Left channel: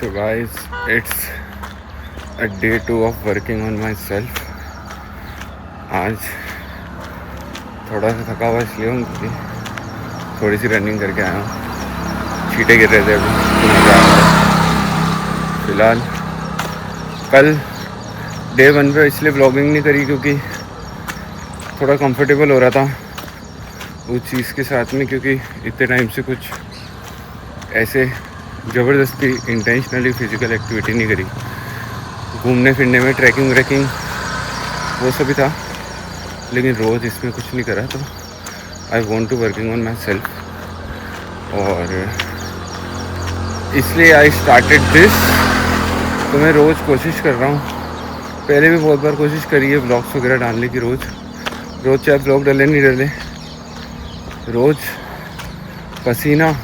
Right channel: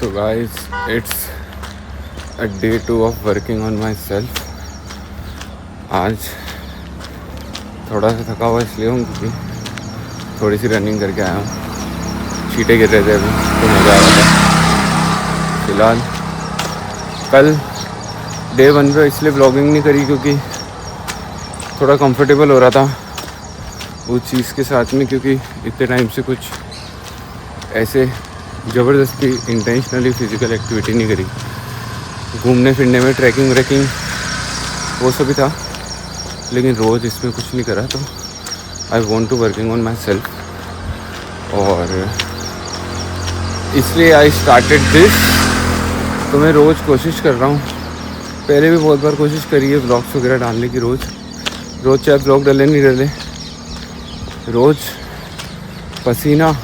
तो guys it's a day 2 of working on my self. आज थोड़ा सा थका हुआ इसलिए हूँ क्योंकि थोड़ी सी रनिंग करके आया हूँ। छींटे गिर रहे थे अभी तो मज़ा आ रहा था। फिलहाल कल डे 1 पे इसलिए ब्लॉगिंग नहीं करी क्योंकि थोड़ा कंफर्टेबल हो रहा था उस चीज़ के साथ में, क्योंकि इतने टाइम से कुछ ऐसे ज़बरदस्ती इंटेंशनली फ़िज़िकल एक्टिविटी नहीं करी। घूमने फिरने में ट्रैकिंग व्रैकिंग वो सभी था, लेकिन रोज़ इसमें कुछ नहीं करा। तो I want to working on myself, और इसलिए आई स्टार्टेड दिस। तो मैं रोज़ कोशिश कर रहा हूँ, पहले भी बहुत बार कोशिश करी है ब्लॉग्स वगैरह डालने की। रोज़ चाहे ब्लॉग डले नहीं डले, रोज़ पसीना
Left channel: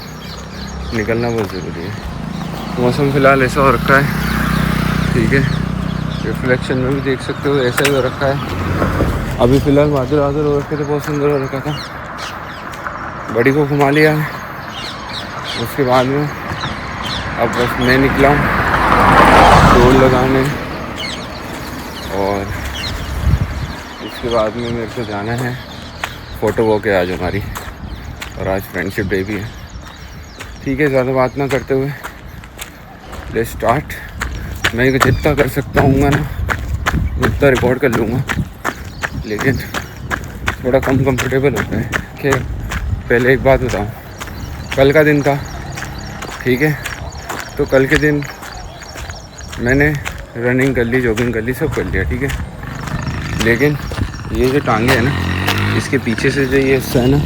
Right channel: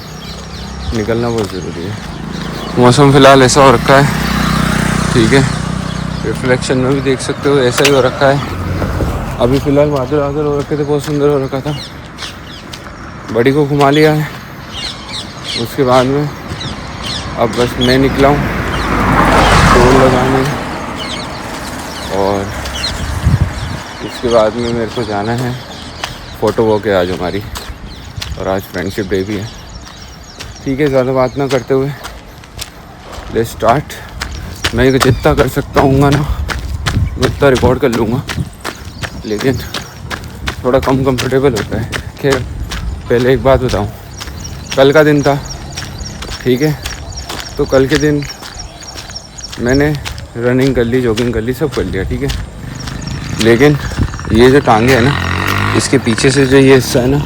निकलना बहुत ज़रूरी है। मौसम फ़िलहाल ऐसा हो रखा है, ठीक है, रिफ्लेक्शन में भी देख सकते हो ऐसा ही हो रखा है। अभी फ़िलहाल बादल बादल हो रखे थे, बहुत सुंदर हो रखा था। बड़ी को घुमा लिया है, उसके बाद में अब बस मैं निकला हूँ दौड़ लगाने, और इसके बाद में मेरे को जाना है फ़ोटो वॉक है आज हमारी, और आज फ्रेंडशिप डे भी है। ठीक है, ज़्यादा बात ना करते हुए लेट्स स्टार्ट। मैं जितना कर सकता हूँ ना उतना रिकॉर्ड कर लूँगा, लेकिन थोड़ा कम कंफर्टेबल होता है। खैर पहले एक बात बताऊँ, कल का दिन था, ठीक है, तो कल के दिन मैंने रनिंग कर ली, जॉगिंग कर ली, सब कर लिया, ठीक है, लेकिन ये जो टांगे है ना, इसके पीछे से जो ये हिस्सा है ना,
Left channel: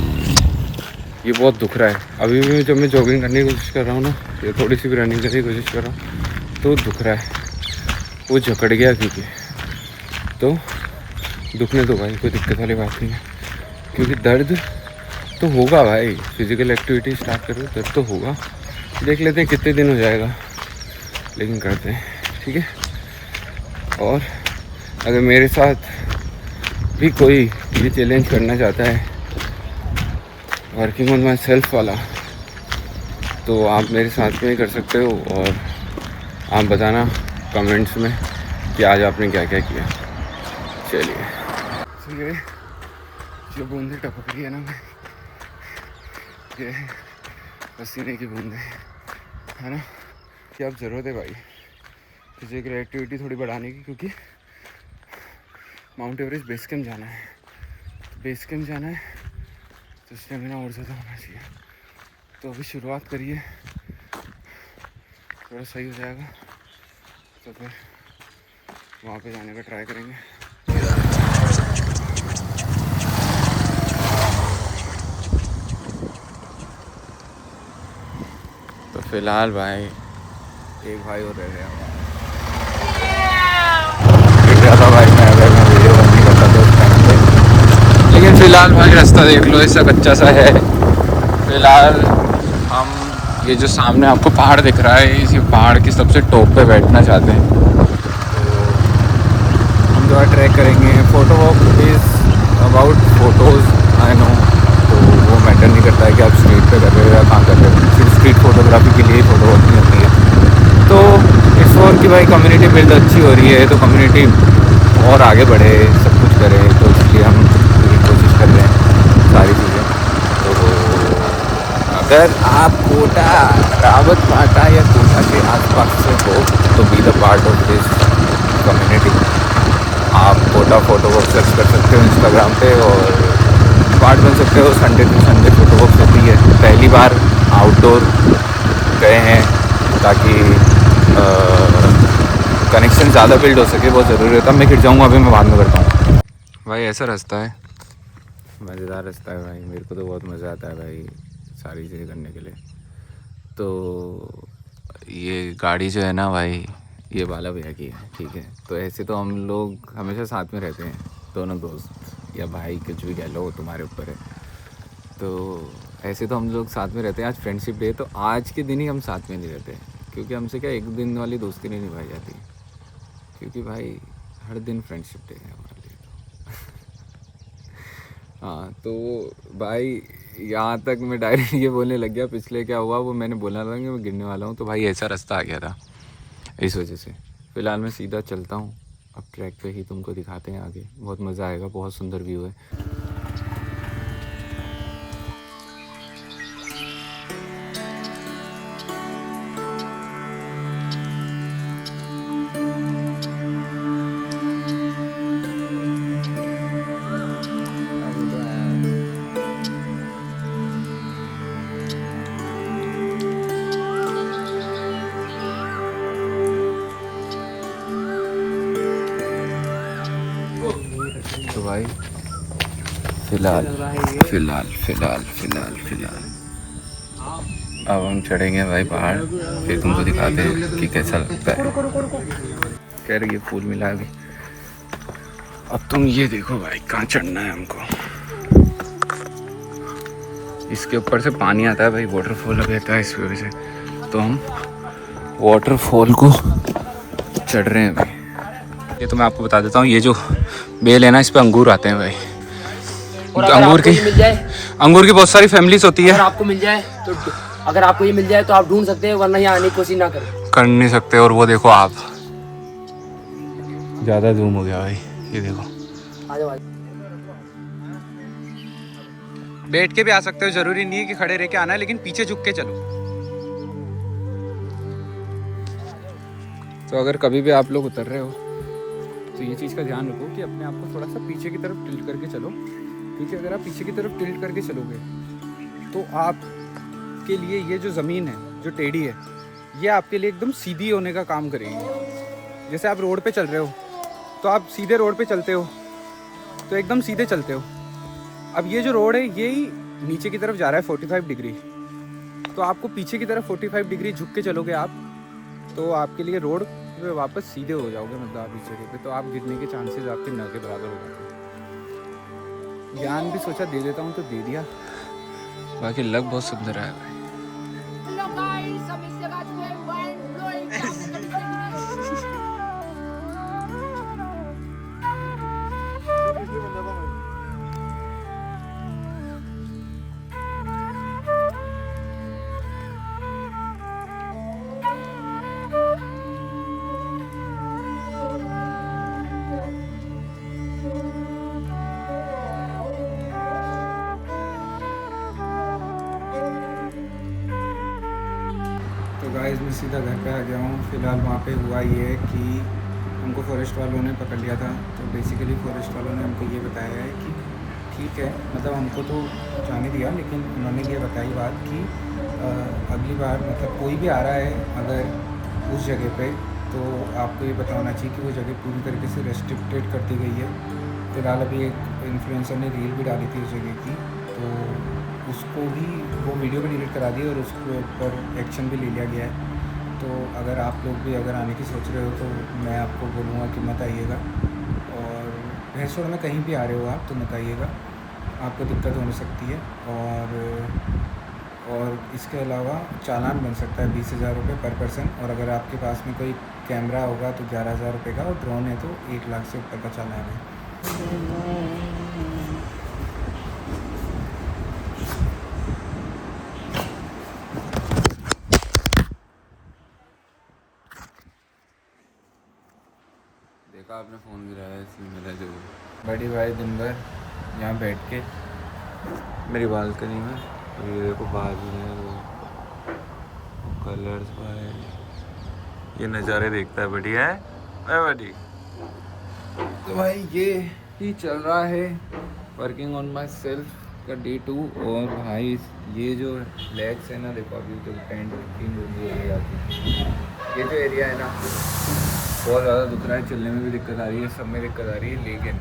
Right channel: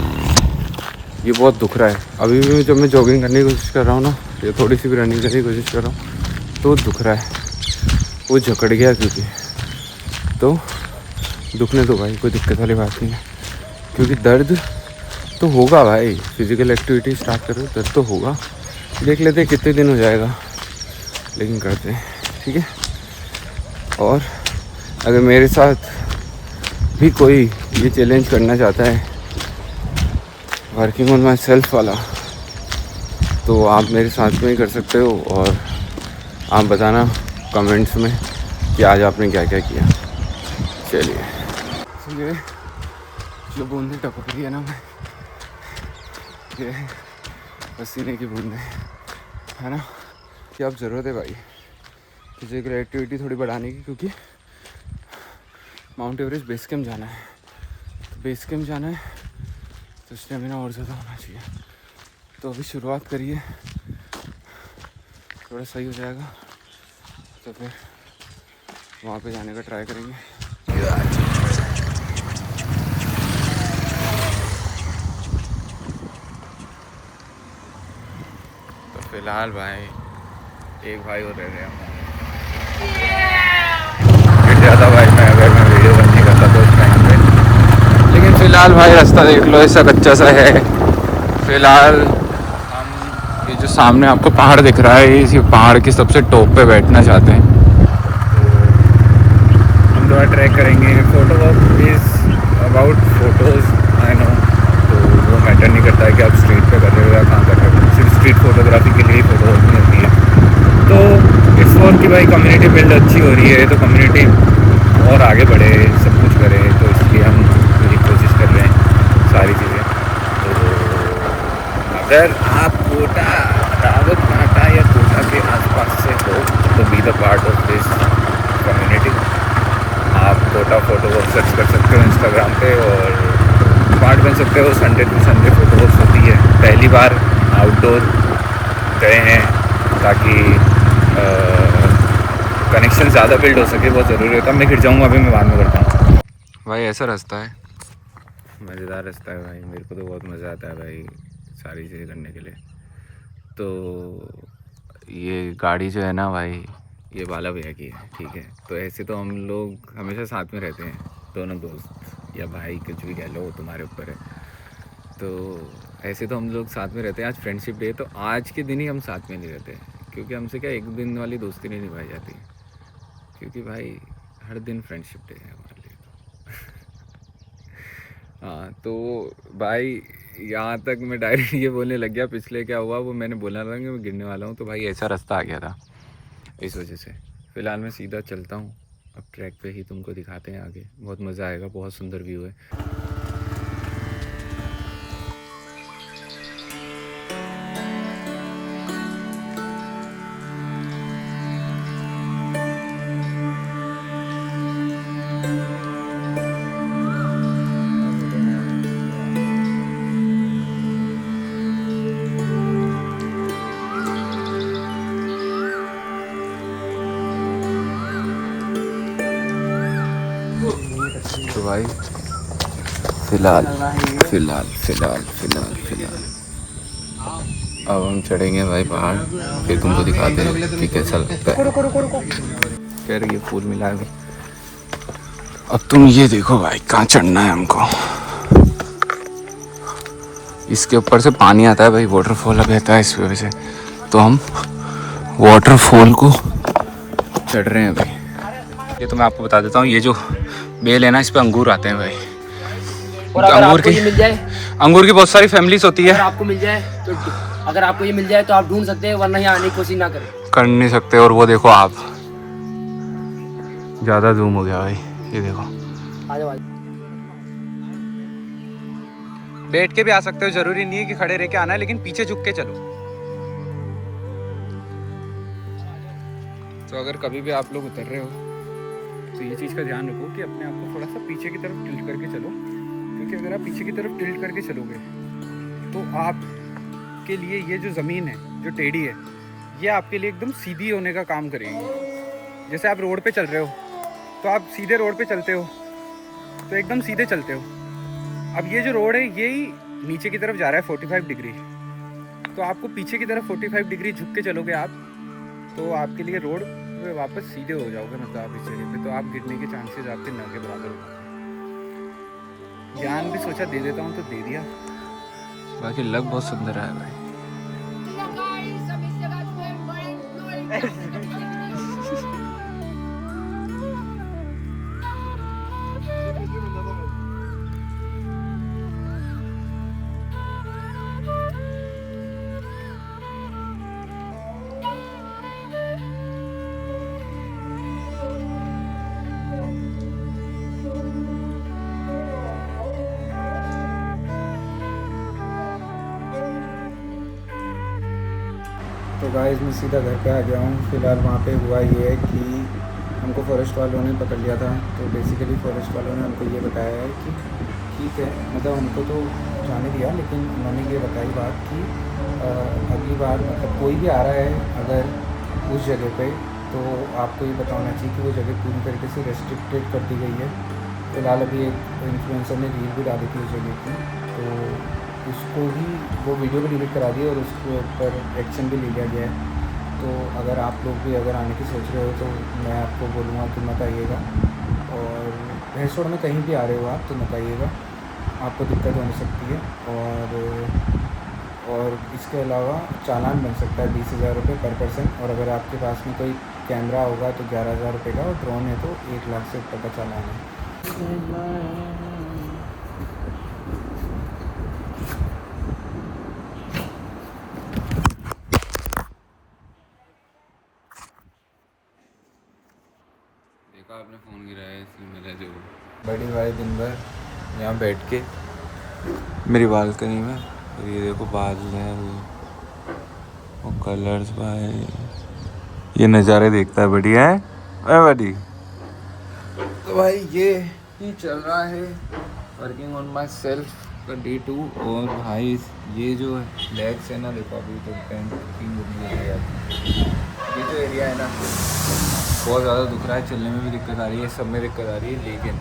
ये बहुत दुख रहा है। अभी भी जब मैं जॉगिंग करने की कोशिश कर रहा हूँ ना, या थोड़ी सी भी रनिंग करने की कोशिश कर रहा हूँ, तो दुख रहा है। वो जकड़ गया क्योंकि, तो दुखने दो भाई, कोई दिक्कत वाली बात नहीं है, क्योंकि दर्द तो होगा भाई। फिज़िकल एक्टिविटी स्टार्ट करो, दर्द तो होगा। देख लेते हैं कितने दिन हो जाएगा, लेकिन करते हैं, ठीक है। और अगर मेरे साथ भी कोई ये चैलेंज करना चाहता है वर्किंग ऑन माई सेल्फ वाला, तो आप मेरे साथ में ही कर सकते हो, और आप बताना कमेंट्स में कि आज आपने क्या क्या किया। चलिए, तो ये जो बूंदें टपक रही है ना भाई, ये पसीने की बूंदें है ना, कि अब ज़रूरत है भाई फिजिकल एक्टिविटी थोड़ी बढ़ाने की, क्योंकि माउंट एवरेस्ट बेस कैंप जाना है। तो बेस कैंप जाना है तो स्टेमिना और ज़्यादा होना चाहिए। तो अभी शुरुआत करिए, थोड़ा सही हो जाएगा तो फिर वहाँ पे जाने का ट्राई करेंगे। तो फिलहाल भाई एक भाई और रह गए हमारे। फिर ज़्यादा भाई मैं अगर मैं वीडियो बंद नहीं करता तो उस टाइम पे, लेकिन फ़िलहाल भाई रास्ता देख लो, ऐसा कच्चा सा है। फ़िलहाल हम ये जो सामने आपको पहाड़ दिख रहा है, इस पहाड़ की सबसे टॉप पे बैठना चाहते हैं। हम थोड़ा ट्रैक करेंगे। Photo walk is about photos, I know. तो वो मैटर नहीं करता है कि आप स्ट्रीट पे कर रहे हो या कहाँ कर रहे हो, सिर्फ स्ट्रीट फ़ोटोग्राफी के लिए फ़ोटो वॉक नहीं होती है। तो इस वॉक की भाई कम्युनिटी बिल्ड अच्छी हो रही है, तो कम्युनिटी और आगे बढ़े, सब कुछ करे, तो इसलिए हम पूरी कोशिश कर रहे हैं सारी चीज़ें। तो अगर आप कोटा, रावत बाटा या कोटा के आसपास से हो तो be the part of this community. आप कोटा फ़ोटो वॉक सर्च कर सकते हो इंस्टाग्राम पे, और पार्ट बन सकते हो। Sunday to Sunday photo walk होती है। पहली बार आउटडोर गए हैं ताकि कनेक्शन ज़्यादा बिल्ड हो सके, बहुत ज़रूरी होता है। मैं गिर जाऊँगा अभी, मैं बाद में करता हूँ भाई। ऐसा रास्ता है, मज़ेदार रास्ता है भाई, मेरे को तो बहुत मज़ा आता है भाई सारी चीज़ें करने के लिए। तो ये गाड़ी जो है ना भाई, ये बाला भैया की है, ठीक है। तो ऐसे तो हम लोग हमेशा साथ में रहते हैं, दोनों दोस्त या भाई, कुछ भी कह लो, वो तुम्हारे ऊपर है। तो ऐसे तो हम लोग साथ में रहते हैं। आज फ्रेंडशिप डे, तो आज के दिन ही हम साथ में नहीं रहते, क्योंकि हमसे क्या एक दिन वाली दोस्ती नहीं निभाई जाती, क्योंकि भाई हर दिन फ्रेंडशिप डे है हमारे लिए। हाँ, तो भाई यहाँ तक मैं डायरेक्ट ये बोलने लग गया। पिछले क्या हुआ वो मैंने बोला था कि मैं गिरने वाला हूँ, तो भाई ऐसा रास्ता आ गया था। इस वजह से फ़िलहाल मैं सीधा चलता हूँ, अब ट्रैक पे ही तुमको दिखाते हैं आगे, बहुत मज़ा आएगा, बहुत सुंदर व्यू है। तो भाई फिलहाल अब हम चढ़ेंगे भाई पहाड़, फिर तुमको दिखाते हैं कि कैसा लगता है। कह रही है फूल मिला है। अब तुम ये देखो भाई, कहाँ चढ़ना है हमको। इसके ऊपर से पानी आता है भाई, वाटरफॉल रहता है इस वजह से, तो हम वाटरफॉल को चढ़ रहे हैं भाई। ये तो मैं आपको बता देता हूँ, ये जो बेल है ना, इस पे अंगूर आते हैं भाई। अंगूर की बहुत सारी फैमिलीज होती है। आपको मिल जाए तो, अगर आपको ये मिल जाए तो आप ढूंढ सकते हैं, वरना यहाँ आने की कोशिश ना करें। कर नहीं सकते। और वो देखो आप, ज़्यादा जूम हो गया भाई, ये देखो। बैठ के भी आ सकते हो, जरूरी नहीं है कि खड़े रह के आना है, लेकिन पीछे झुक के चलो। तो अगर कभी भी आप लोग उतर रहे हो तो ये चीज़ का ध्यान रखो कि अपने आप को थोड़ा सा पीछे की तरफ टिल्ट करके चलो, क्योंकि अगर आप पीछे की तरफ टिल्ट करके चलोगे तो आपके लिए ये जो ज़मीन है, जो टेढ़ी है, ये आपके लिए एकदम सीधी होने का काम करेगी। जैसे आप रोड पे चल रहे हो तो आप सीधे रोड पे चलते हो तो एकदम सीधे चलते हो। अब ये जो रोड है ये ही नीचे की तरफ जा रहा है 45 डिग्री, तो आपको पीछे की तरफ 45 डिग्री झुक के चलोगे आप, तो आपके लिए रोड पे वापस सीधे हो जाओगे, मतलब आप इस जगह पे, तो आप गिरने के चांसेस आपके न के बराबर हो जाते। ज्ञान भी सोचा दे देता हूँ तो दे दिया, बाकी लग बहुत सुंदर है भाई। तो गाइस मैं सीधा घर पे आ गया हूँ। फ़िलहाल वहाँ पे हुआ ये है कि हमको फॉरेस्ट वालों ने पकड़ लिया था। तो बेसिकली फॉरेस्ट वालों ने हमको ये बताया है कि ठीक है, मतलब हमको तो जाने दिया, लेकिन उन्होंने ये बताई बात कि अगली बार मतलब कोई भी आ रहा है अगर उस जगह पे, तो आपको ये बताना चाहिए कि वो जगह पूरी तरीके से रेस्ट्रिक्टेड कर दी गई है। फ़िलहाल अभी एक इन्फ्लुएंसर ने रील भी डाली थी उस जगह की, तो उसको भी वो वीडियो भी डिलीट करा दी और उसके ऊपर एक्शन भी ले लिया गया है। तो अगर आप लोग भी अगर आने की सोच रहे हो तो मैं आपको बोलूँगा कि मत आइएगा, और भैंसोड़ में कहीं भी आ रहे हो आप तो मत आइएगा, आपको दिक्कत होने सकती है। और इसके अलावा चालान बन सकता है 20,000 रुपये पर पर्सन, और अगर आपके पास में कोई कैमरा होगा तो 11,000 रुपये का, और ड्रोन है तो 1 लाख से ऊपर का चालान है। देखा आपने फ़ोन गिराया, इसलिए मेरा जो बड़ी भाई दिन भर यहाँ बैठ के मेरी बालकनी में, और ये देखो बादल और कलर्स भाई, ये नज़ारे देखता है। बढ़िया है अरे बड़ी। तो भाई ये ही चल रहा है, वर्किंग ऑन माई सेल्फ का डे 2। और भाई ये जो लेग्स है ना, देखो अभी तो टेंट की एरिया, ये जो एरिया है ना बहुत ज़्यादा दुख रहा है, चलने में भी दिक्कत आ रही है, सब में दिक्कत आ रही है, लेकिन